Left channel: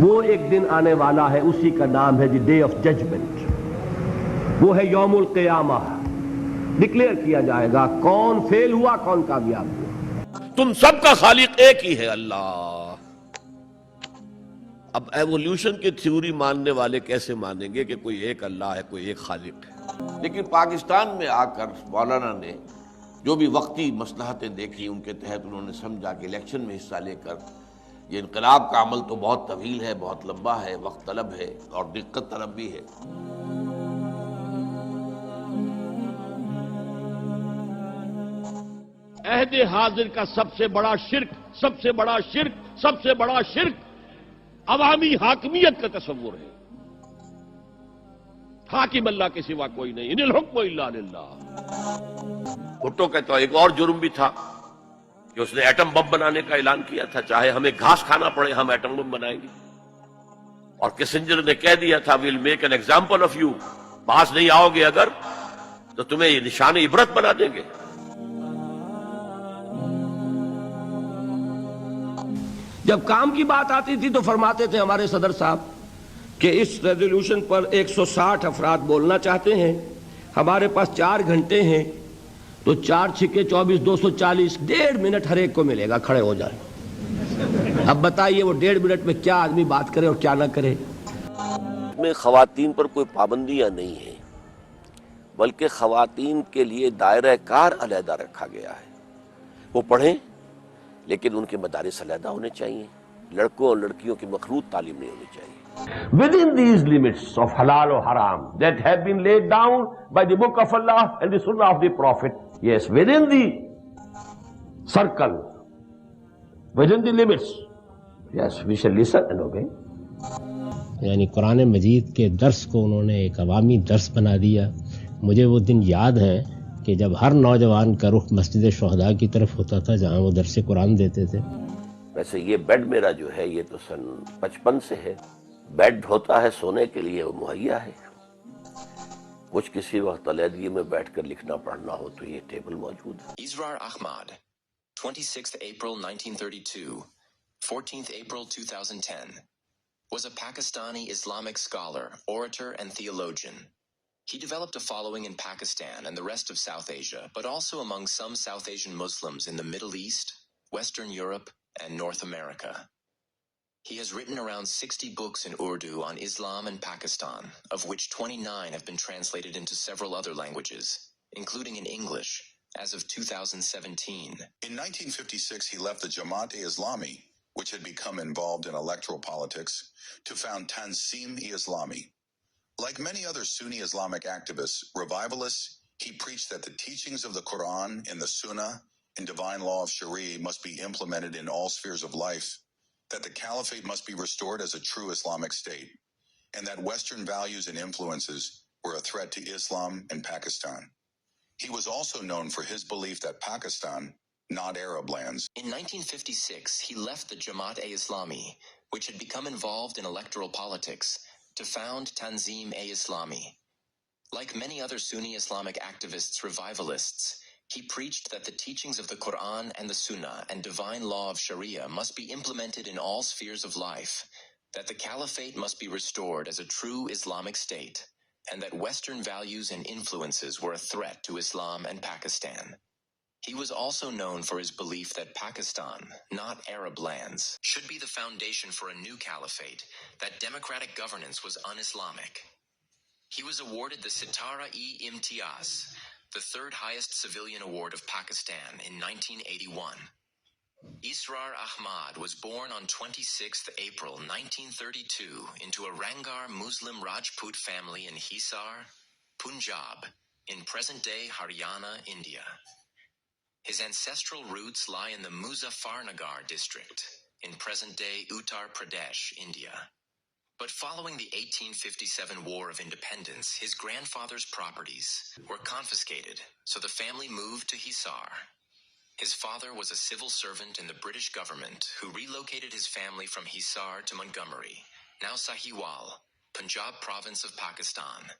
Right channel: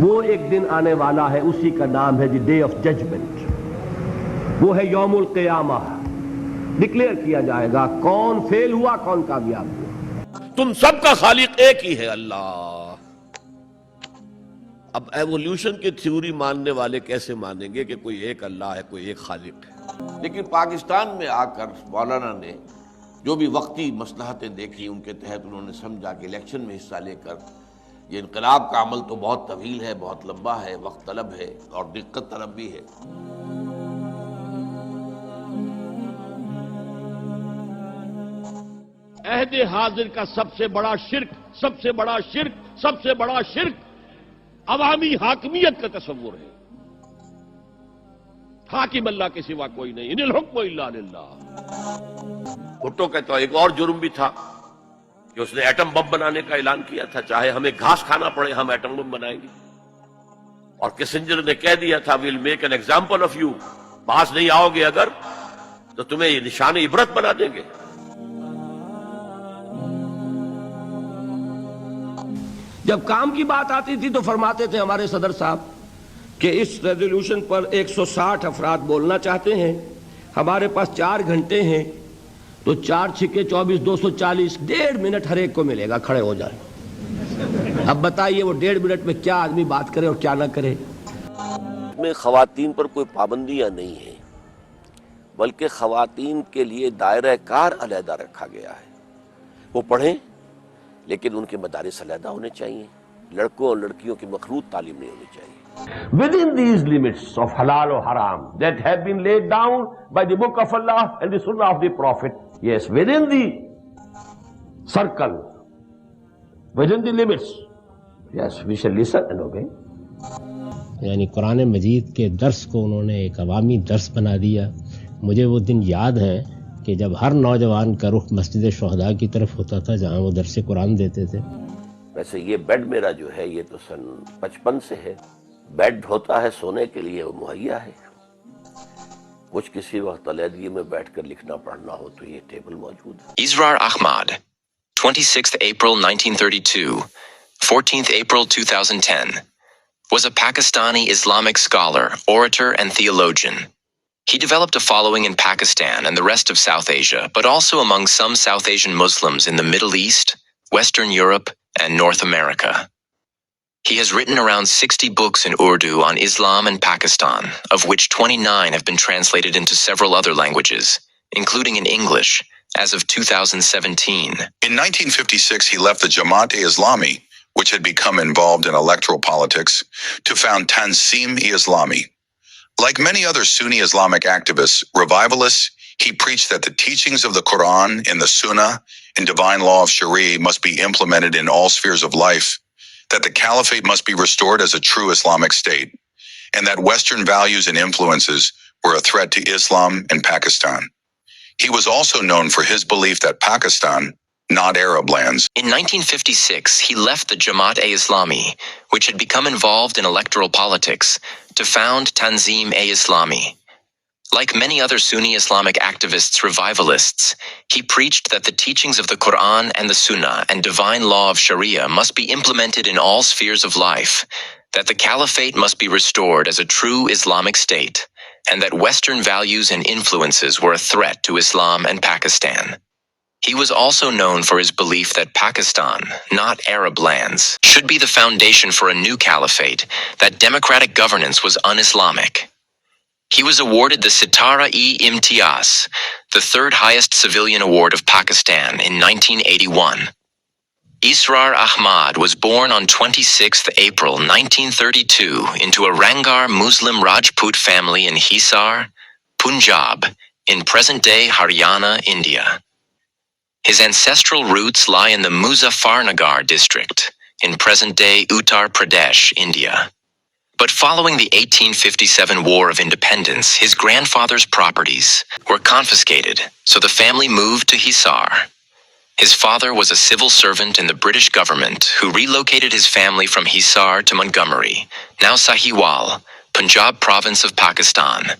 وہ ایک دن آنے والا ہے، اسی کا نام ہے دی ڈے آف ججمنٹ. وہ ہے یوم القیامہ. ڈکلیئر کیا جائے گا کون فیل ہوا کون کامیاب ہوا. تم سب کا خالق ایک ہی ہے اللہ. اب ایوولوشن کی تھیوری ماننے والے کیسے مانیں گے کہ کوئی ایک اللہ ہے، کوئی ایک خالق ہے؟ لیکن پاکستان میں آ کر مولانا نے جو بھی وقتی مصلحتیں دیکھی، ان کے تحت انہوں نے سمجھا کہ الیکشن میں حصہ لے کر یہ انقلاب کا عمل تو بہت طویل ہے، بہت لمبا ہے، وقت طلب ہے اور دقت طلب بھی ہے. عہد حاضر کا سب سے بڑا شرک، سب سے بڑا شرک، سب سے بڑا شرک عوامی حاکمیت کا تصور ہے. حاکم اللہ کے سوا کوئی نہیں، ان الحکم الا للہ. بھٹو کا تو ایک اور جرم بھی تھا کہ اس نے ایٹم بم بنانے کا اعلان کیا تھا، چاہے ہمیں گھاس کھانا پڑے ہم ایٹم بم بنائیں گے. اور کسنجر نے کہہ دیا تھا we'll make an example of you, باز نہیں آؤ گے اگر تو تمہیں یہ نشان عبرت بنا دیں گے. جب کام کی بات آتی تھی تو فرماتے تھے ہمارے صدر صاحب کہ اس ریزولوشن پر 160 افراد بولنا چاہتے ہیں، ہمارے پاس 4 گھنٹے ہیں، تو 4 چھکے 24 240، 1.5 منٹ ہر ایک کو ملے گا، کھڑے ہو جائیں. اب بتائیے وہ 1.5 منٹ میں کیا آدمی بات کرے اور کیا نہ کرے. میں خواتین پر کوئی پابندیاں نہیں ہیں، بلکہ خواتین کے لیے دائرہ کار علیحدہ رکھا گیا ہے. وہ پڑھیں لیکن ان کے مدارس علیحدہ ہونے چاہیے. لڑکوں اور لڑکیوں کی مخلوط تعلیم نہیں ہونی چاہیے. Within these limits of halal or haram that have been laid down by the book of Allah and the sunnah of the Prophet, yes, within the circle, within the limits, yes, we shall listen and obey. یعنی قرآن مجید کے درس کو انہوں نے ایک عوامی درس بنا دیا. مجھے وہ دن یاد ہے کہ جب ہر نوجوان کا رخ مسجد شہداء کی طرف ہوتا تھا جہاں وہ درس قرآن دیتے تھے. ویسے یہ بیڈ میرا جو ہے یہ تو سن 55 سے ہے. بیڈ ہوتا ہے سونے کے لیے، وہ مہیا ہے. کچھ کسی وقت علیحدگی میں بیٹھ کر لکھنا پڑھنا ہو تو یہ ٹیبل موجود ہے. Israr Ahmed, 26th April 1932, 14th April 2010, was a Pakistani Islamic scholar, orator, and theologian. He developed a following in Pakistan and the rest of South Asia, but also among some South Asian Muslims in the Middle East, Western Europe, and North America. He has written around 60 books in Urdu on Islam and Pakistan, of which 29 have been translated into several other languages, including in English, as of 2017. In 1956, he left the Jamaat-e-Islami, which had become involved in electoral politics, to found Tanzim-e-Islami. Like many other Sunni Islamic activists, revivalists, he preached that the teachings of the Quran and the Sunnah and divine law of Sharia must be implemented in all spheres of life, that the caliphate must be restored as a true Islamic state, and that Western values and influences were a threat to Islam and Pakistan. He was also known for his belief that Pakistan, not Arab lands. In 1956, he left the Jamaat-e-Islami, which had become involved in electoral politics, to found Tanzim-e-Islami. Like many other Sunni Islamic activists, revivalists, he preached that the teachings of the Quran and the Sunnah and divine law of Sharia must be implemented in all spheres of life, that the caliphate must be restored as a true Islamic state, and that Western values and influences were a threat to Islam and Pakistan. He was also known for his belief that Pakistan, not Arab lands, should be the foundation for a new caliphate, that democratic governance was un-Islamic. He was awarded the Sitara-e-Imtiaz, the third highest civilian award of Pakistan, in 1981. Israr Ahmed was born on 26th April 1932 into a Rangar Muslim Rajput family in Hisar, Punjab, in present-day Haryana, India. His ancestral roots lie in the Muzaffarnagar district, in present-day Uttar Pradesh, India. But following the 1857 War of Independence, his grandfather's properties were confiscated, so the family moved to Hisar. His father was a civil servant in the British government who relocated his family from Hisar to Montgomery, now Sahiwal, Punjab province of Pakistan.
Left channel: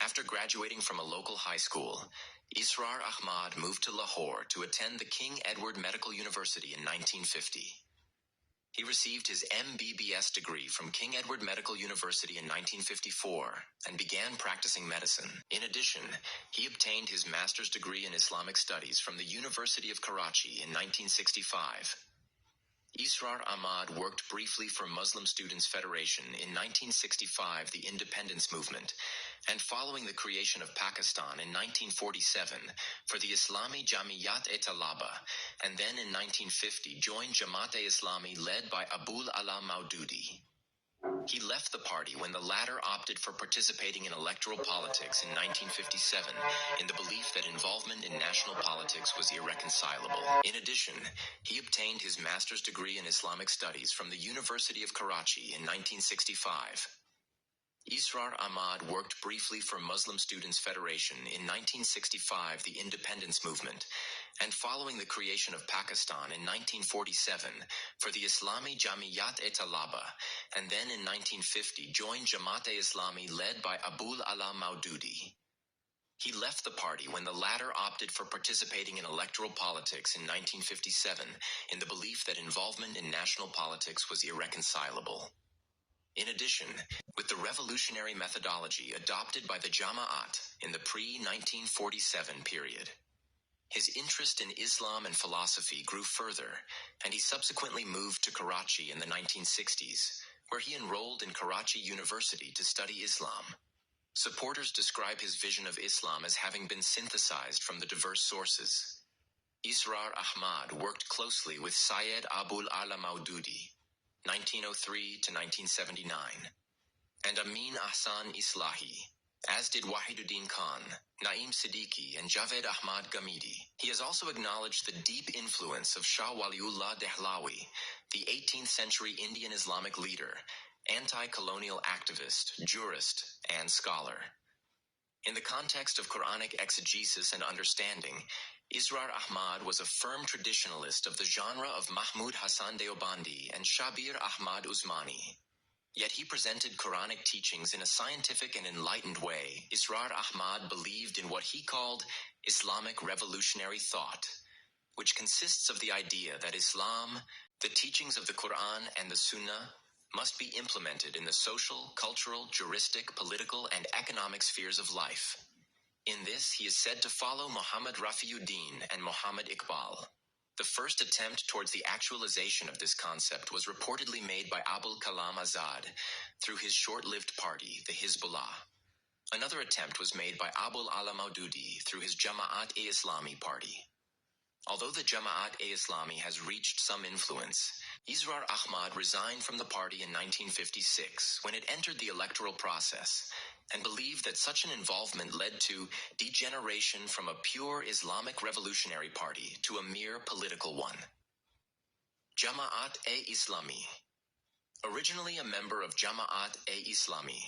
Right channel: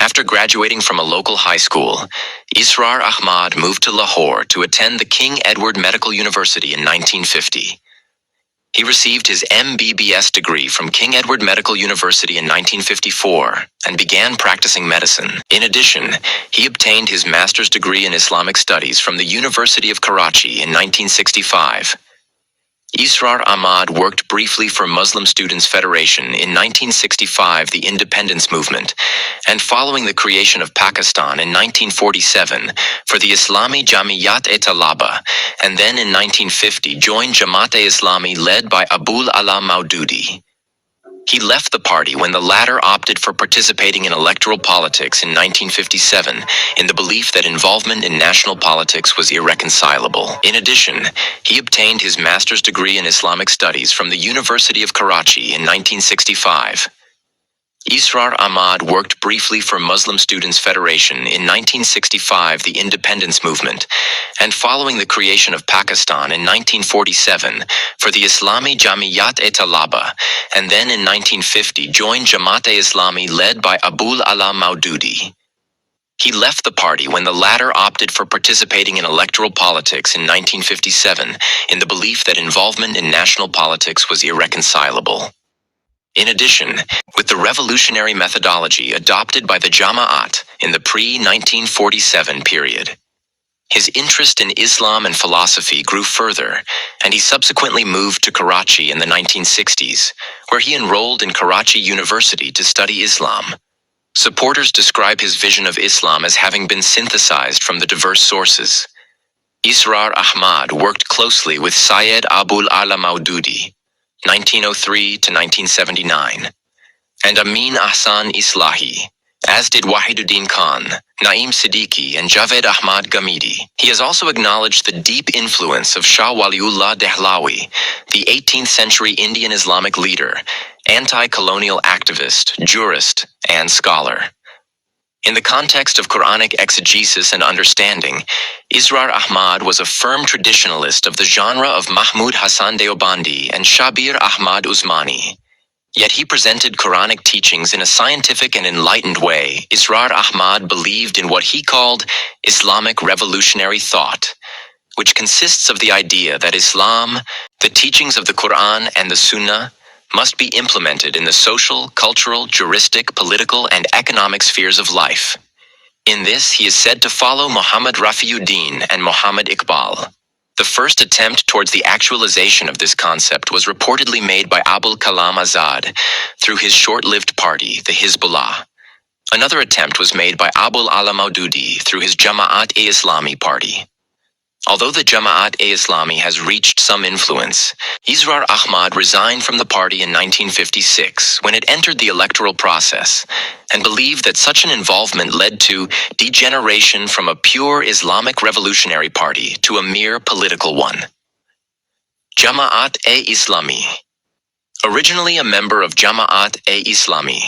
After graduating from a local high school, Israr Ahmed moved to Lahore to attend the King Edward Medical University in 1950. He received his MBBS degree from King Edward Medical University in 1954 and began practicing medicine. In addition, he obtained his master's degree in Islamic studies from the University of Karachi in 1965. Israr Ahmed worked briefly for Muslim Students Federation in 1965, the independence movement, and following the creation of Pakistan in 1947 for the Islami Jamiyat-e-Talaba, and then in 1950 joined Jamaat-e-Islami led by Abul Ala Maududi. He left the party when the latter opted for participating in electoral politics in 1957 in the belief that involvement in national politics was irreconcilable. In addition, he obtained his master's degree in Islamic studies from the University of Karachi in 1965. Israr Ahmed worked briefly for Muslim Students Federation in 1965, the independence movement, and following the creation of Pakistan in 1947 for the Islami Jamiyat-e-Talaba, and then in 1950 joined Jamaat-e-Islami led by Abul Ala Maududi. He left the party when the latter opted for participating in electoral politics in 1957 in the belief that involvement in national politics was irreconcilable. In addition, with the revolutionary methodology adopted by the Jama'at in the pre-1947 period, his interest in Islam and philosophy grew further, and he subsequently moved to Karachi in the 1960s, where he enrolled in Karachi University to study Islam. Supporters describe his vision of Islam as having been synthesized from the diverse sources. Israr Ahmed worked closely with Syed Abul Ala Maududi, 1903 to 1979, and Amin Ahsan Islahi, as did Wahiduddin Khan, Naim Siddiqui, and Javed Ahmad Ghamidi. He has also acknowledged the deep influence of Shah Waliullah Dehlawi, the 18th century Indian Islamic leader, anti-colonial activist, jurist, and scholar. In the context of Quranic exegesis and understanding, Israr Ahmed was a firm traditionalist of the genre of Mahmud Hassan Deobandi and Shabir Ahmad Usmani. Yet he presented Quranic teachings in a scientific and enlightened way. Israr Ahmed believed in what he called Islamic revolutionary thought, which consists of the idea that Islam, the teachings of the Quran and the Sunnah, must be implemented in the social, cultural, juristic, political, and economic spheres of life. In this, he is said to follow Muhammad Rafiuddin and Muhammad Iqbal. The first attempt towards the actualization of this concept was reportedly made by Abul Kalam Azad through his short-lived party, the Hizbullah. Another attempt was made by Abul Ala Maududi through his Jamaat-e-Islami party. Although the Jamaat-e-Islami has reached some influence, Israr Ahmed resigned from the party in 1956 when it entered the electoral process and believed that such an involvement led to degeneration from a pure Islamic revolutionary party to a mere political one. Jamaat-e-Islami. Originally a member of Jamaat-e-Islami,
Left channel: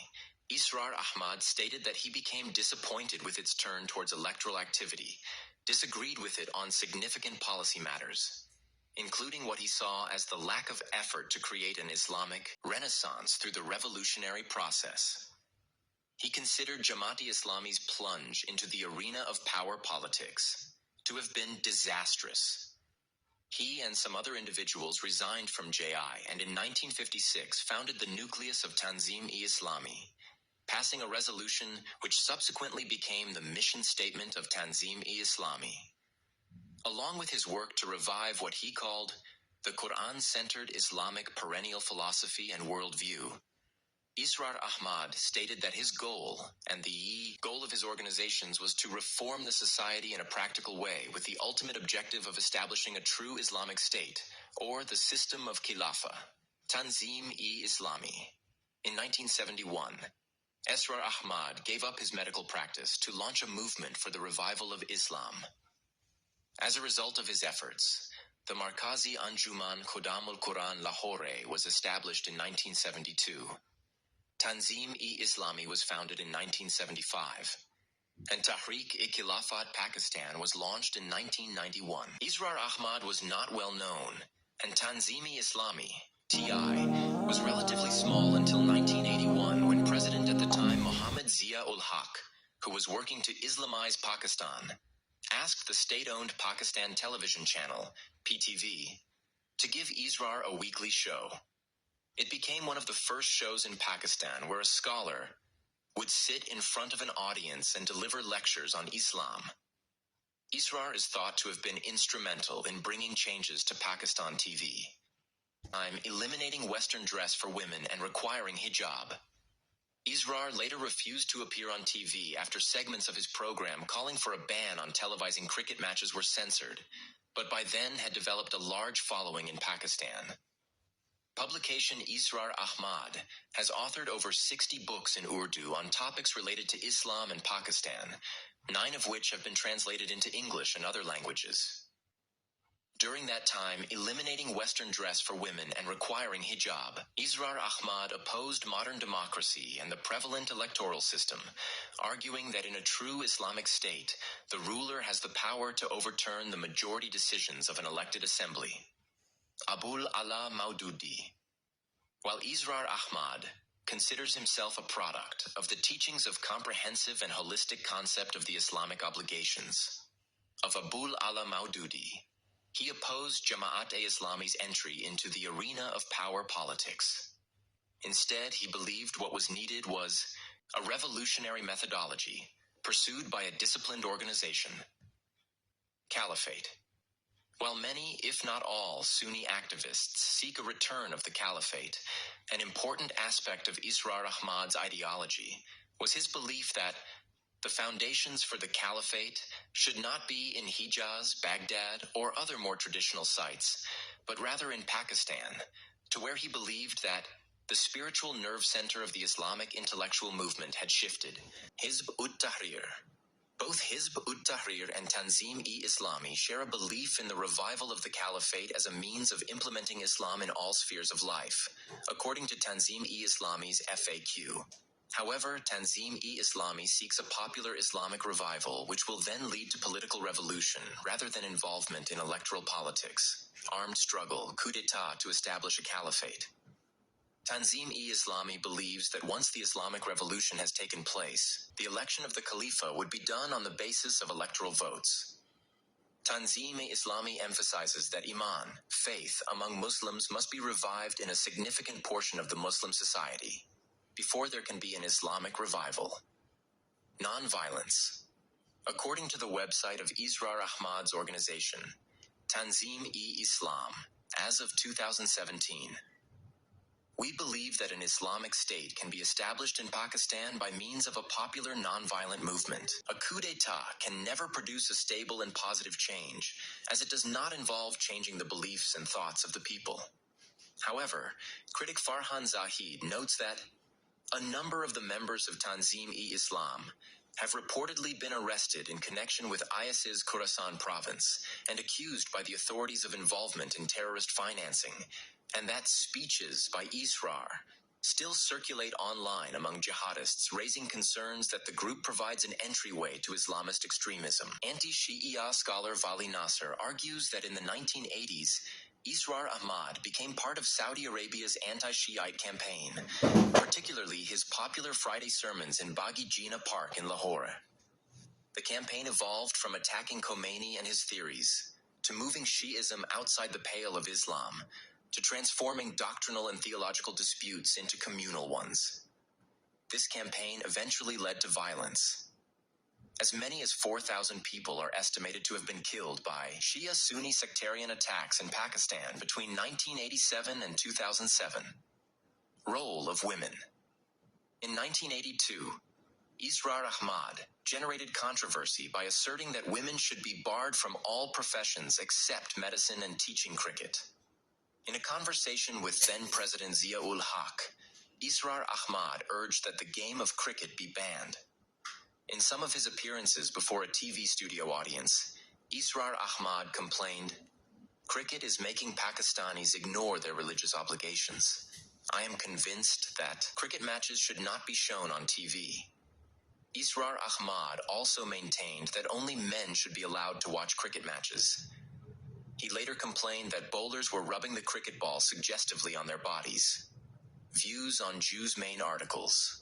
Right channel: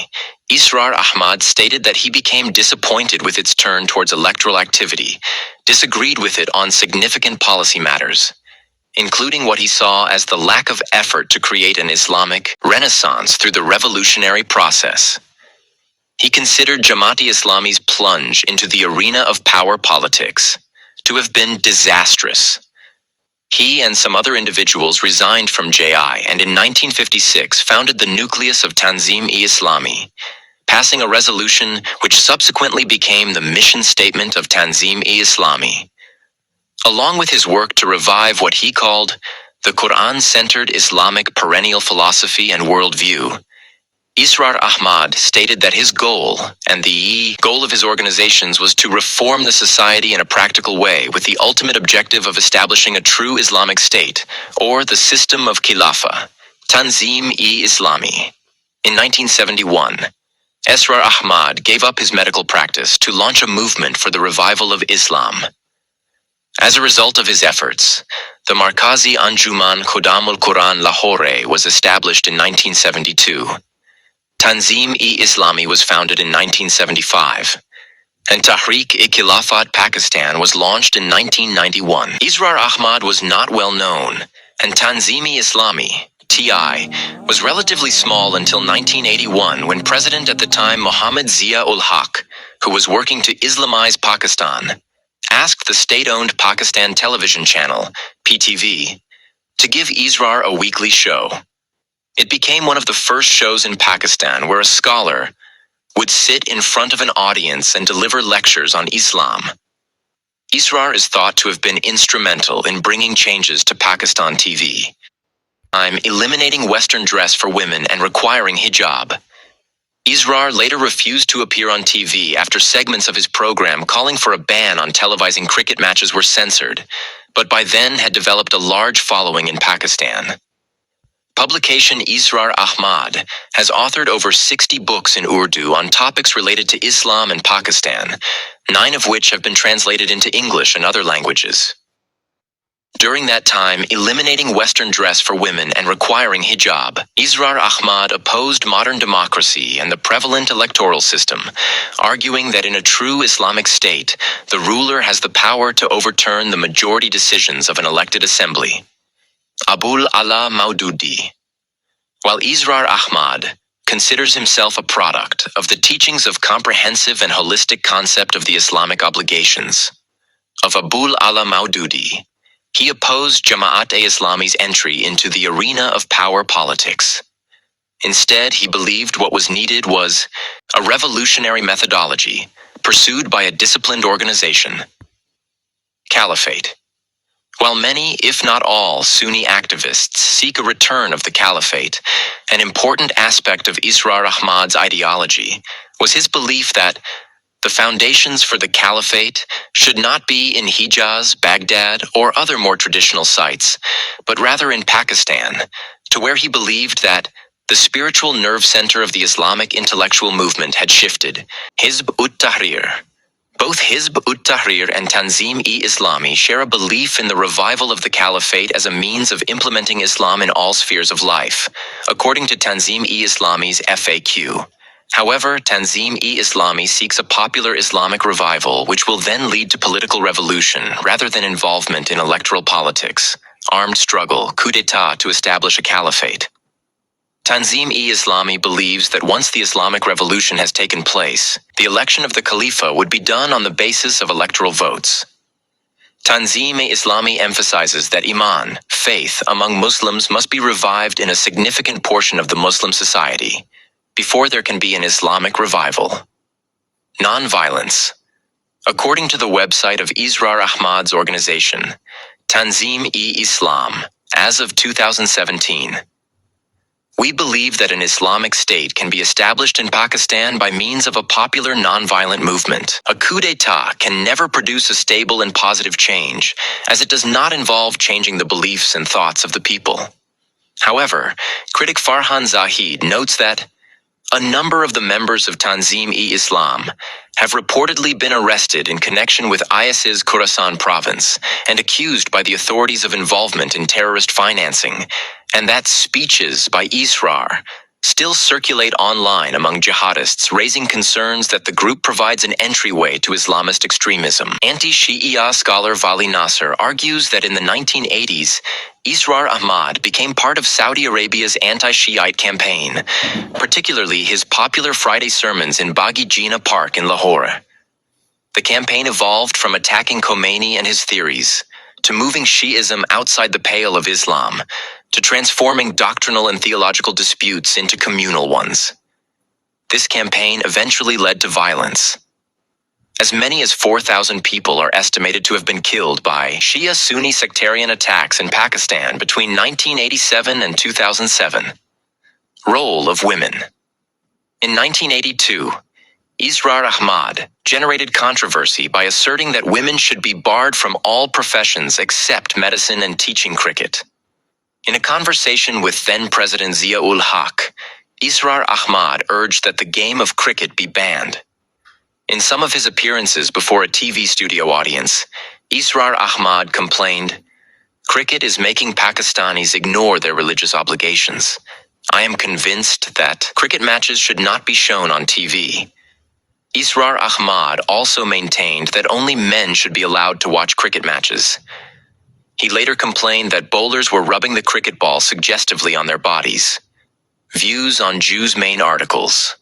Israr Ahmed stated that he became disappointed with its turn towards electoral activity, disagreed with it on significant policy matters, including what he saw as the lack of effort to create an Islamic renaissance through the revolutionary process. He considered Jamaat-e-Islami's plunge into the arena of power politics to have been disastrous. He and some other individuals resigned from JI and in 1956 founded the nucleus of Tanzim-e-Islami, passing a resolution which subsequently became the mission statement of Tanzim-e-Islami. Along with his work to revive what he called the Quran-centered Islamic perennial philosophy and worldview, Israr Ahmed stated that his goal, and the goal of his organizations, was to reform the society in a practical way with the ultimate objective of establishing a true Islamic state, or the system of Khilafah, Tanzim-e-Islami. In 1971, Israr Ahmed gave up his medical practice to launch a movement for the revival of Islam. As a result of his efforts, the Markazi Anjuman Khodamul Quran Lahore was established in 1972. Tanzim-e-Islami was founded in 1975, and Tahrik-e-Khilafat Pakistan was launched in 1991. Israr Ahmed was not well known, and Tanzim-e-Islami, TI, was relatively small until 1981 when President at the time Mohammad Zia-ul-Haq, who was working to Islamize Pakistan, asked the state-owned Pakistan television channel, PTV, to give Israr a weekly show. It became one of the first shows in Pakistan where a scholar would sit in front of an audience and deliver lectures on Islam. Israr is thought to have been instrumental in bringing changes to Pakistan TV. I'm eliminating Western dress for women and requiring hijab. Israr later refused to appear on TV after segments of his program calling for a ban on televising cricket matches were censored, but by then had developed a large following in Pakistan. Publication Israr Ahmed has authored over 60 books in Urdu on topics related to Islam and Pakistan, 9 of which have been translated into English and other languages. During that time, eliminating Western dress for women and requiring hijab, Israr Ahmed opposed modern democracy and the prevalent electoral system, arguing that in a true Islamic state, the ruler has the power to overturn the majority decisions of an elected assembly. Abul Ala Maududi. While Israr Ahmed considers himself a product of the teachings of comprehensive and holistic concept of the Islamic obligations of Abul Ala Maududi, he opposed Jamaat-e-Islami's entry into the arena of power politics. Instead, he believed what was needed was a revolutionary methodology pursued by a disciplined organization. Caliphate. While many, if not all, Sunni activists seek a return of the caliphate, an important aspect of Israr Ahmed's ideology was his belief that the foundations for the caliphate should not be in Hijaz, Baghdad, or other more traditional sites, but rather in Pakistan, to where he believed that the spiritual nerve center of the Islamic intellectual movement had shifted. Hizb ut-Tahrir. Both Hizb ut-Tahrir and Tanzim-e-Islami share a belief in the revival of the caliphate as a means of implementing Islam in all spheres of life, according to Tanzim-e-Islami's FAQ. However, Tanzim-e-Islami seeks a popular Islamic revival which will then lead to political revolution rather than involvement in electoral politics, armed struggle, coup d'état to establish a caliphate. Tanzim-e-Islami believes that once the Islamic revolution has taken place, the election of the Khalifa would be done on the basis of electoral votes. Tanzim-e-Islami emphasizes that Iman, faith, among Muslims must be revived in a significant portion of the Muslim society, before there can be an Islamic revival. Nonviolence. According to the website of Israr Ahmed's organization, Tanzim-e-Islam, as of 2017, we believe that an Islamic state can be established in Pakistan by means of a popular nonviolent movement. A coup d'état can never produce a stable and positive change, as it does not involve changing the beliefs and thoughts of the people. However, critic Farhan Zahid notes that a number of the members of Tanzim-e-Islam have reportedly been arrested in connection with IS's Khorasan province and accused by the authorities of involvement in terrorist financing, and that speeches by Israr still circulate online among jihadists, raising concerns that the group provides an entryway to Islamist extremism. Anti-Shia scholar Vali Nasser argues that in the 1980s, Israr Ahmed became part of Saudi Arabia's anti-Shiite campaign, particularly his popular Friday sermons in Baghi Jinnah Park in Lahore. The campaign evolved from attacking Khomeini and his theories, to moving Shi'ism outside the pale of Islam, to transforming doctrinal and theological disputes into communal ones. This campaign eventually led to violence. As many as 4,000 people are estimated to have been killed by Shia-Sunni sectarian attacks in Pakistan between 1987 and 2007. Role of women. In 1982, Israr Ahmed generated controversy by asserting that women should be barred from all professions except medicine and teaching cricket. In a conversation with then-President Zia-ul Haq, Israr Ahmed urged that the game of cricket be banned. In some of his appearances before a TV studio audience, Israr Ahmed complained, "Cricket is making Pakistanis ignore their religious obligations. I am convinced that cricket matches should not be shown on TV." Israr Ahmed also maintained that only men should be allowed to watch cricket matches. He later complained that bowlers were rubbing the cricket ball suggestively on their bodies. Views on Jews' main articles.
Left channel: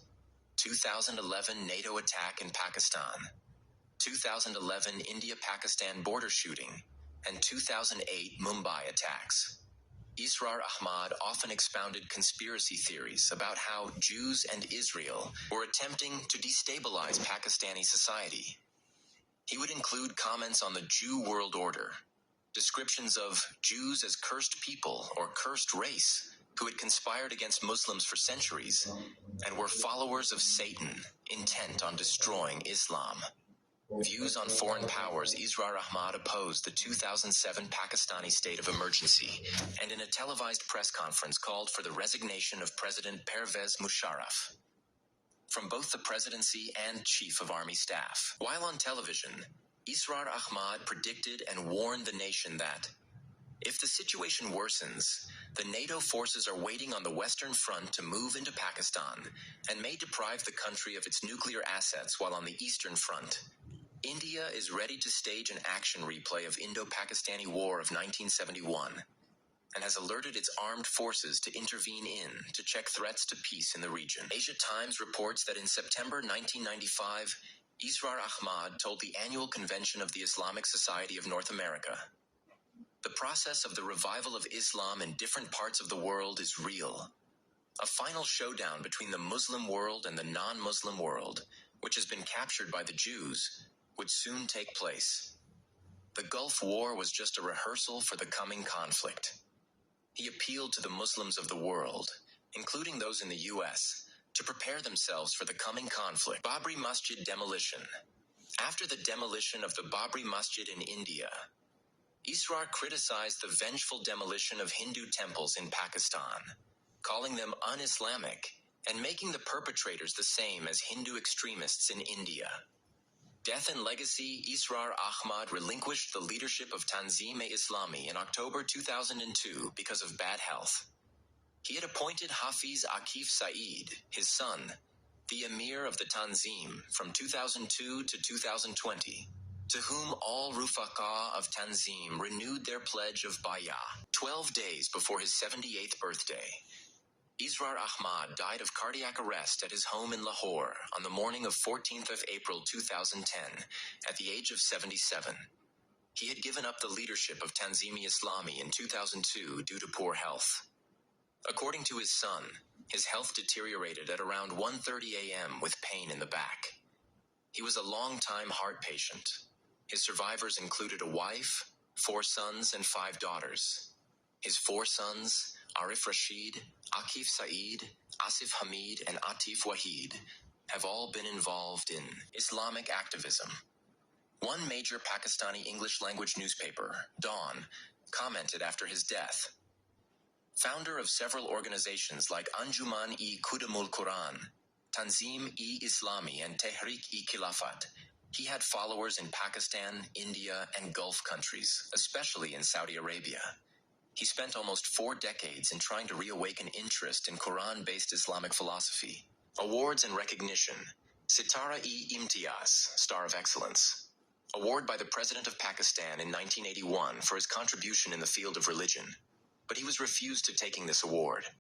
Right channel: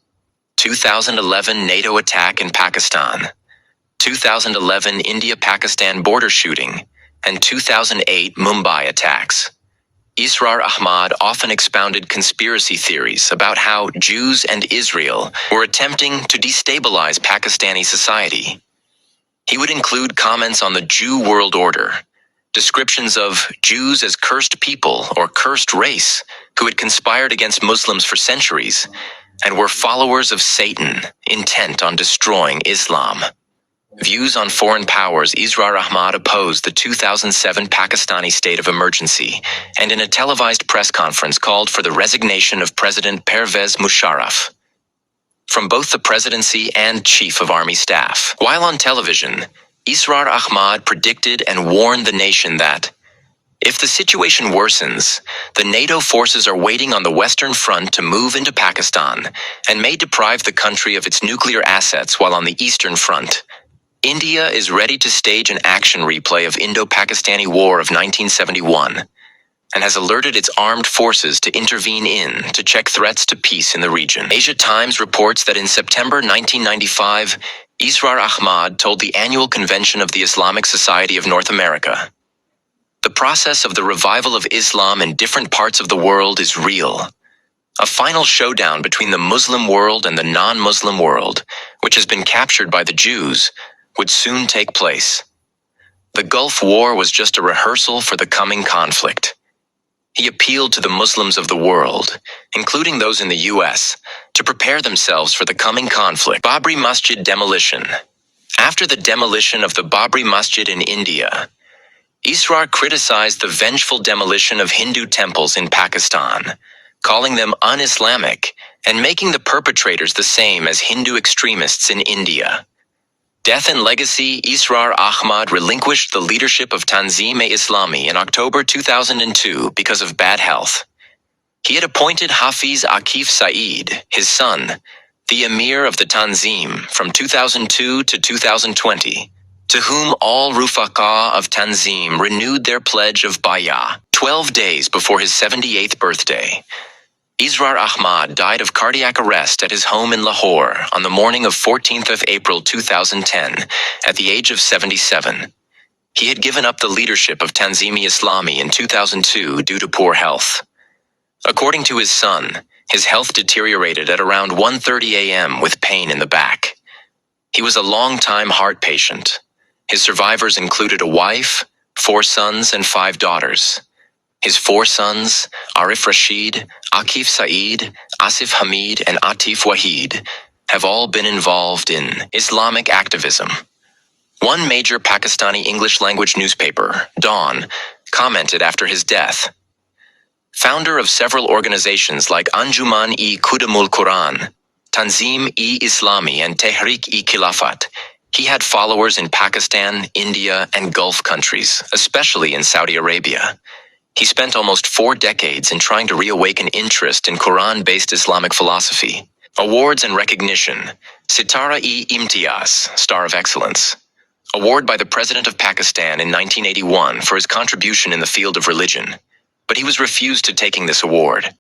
2011 NATO attack in Pakistan. 2011 India-Pakistan border shooting, and 2008 Mumbai attacks. Israr Ahmed often expounded conspiracy theories about how Jews and Israel were attempting to destabilize Pakistani society. He would include comments on the Jew world order, descriptions of Jews as cursed people or cursed race who had conspired against Muslims for centuries and were followers of Satan, intent on destroying Islam. Views on foreign powers. Israr Ahmed opposed the 2007 Pakistani state of emergency and in a televised press conference called for the resignation of President Pervez Musharraf from both the presidency and chief of army staff. While on television, Israr Ahmed predicted and warned the nation that if the situation worsens, the NATO forces are waiting on the Western Front to move into Pakistan and may deprive the country of its nuclear assets, while on the Eastern Front, India is ready to stage an action replay of Indo-Pakistani War of 1971 and has alerted its armed forces to intervene to check threats to peace in the region. Asia Times reports that in September 1995, Israr Ahmed told the annual convention of the Islamic Society of North America, "The process of the revival of Islam in different parts of the world is real. A final showdown between the Muslim world and the non-Muslim world, which has been captured by the Jews, would soon take place. The Gulf War was just a rehearsal for the coming conflict." He appealed to the Muslims of the world, including those in the U.S., to prepare themselves for the coming conflict. Babri Masjid demolition. After the demolition of the Babri Masjid in India, Israr criticized the vengeful demolition of Hindu temples in Pakistan, calling them un-Islamic and making the perpetrators the same as Hindu extremists in India. Death and legacy. Israr Ahmed relinquished the leadership of Tanzim-e-Islami in October 2002 because of bad health. He had appointed Hafiz Akif Saeed, his son, the emir of the Tanzim from 2002 to 2020, to whom all Rufaqa of Tanzim renewed their pledge of bay'ah. 12 days before his 78th birthday, Israr Ahmed died of cardiac arrest at his home in Lahore on the morning of 14th of April 2010 at the age of 77. He had given up the leadership of Tanzim-e-Islami in 2002 due to poor health. According to his son, his health deteriorated at around 1:30 a.m. with pain in the back. He was a long-time heart patient. His survivors included a wife, 4 sons, and 5 daughters. His 4 sons, Arif Rashid, Akif Saeed, Asif Hamid, and Atif Wahid, have all been involved in Islamic activism. One major Pakistani English-language newspaper, Dawn, commented after his death, "Founder of several organizations like Anjuman-e-Qudamul Quran, Tanzim-e-Islami, and Tehrik-e-Khilafat, he had followers in Pakistan, India, and Gulf countries, especially in Saudi Arabia. He spent almost 4 decades in trying to reawaken interest in Quran-based Islamic philosophy." Awards and recognition. Sitara-e-Imtiaz, Star of Excellence. Award by the President of Pakistan in 1981 for his contribution in the field of religion, but he was refused to taking this award.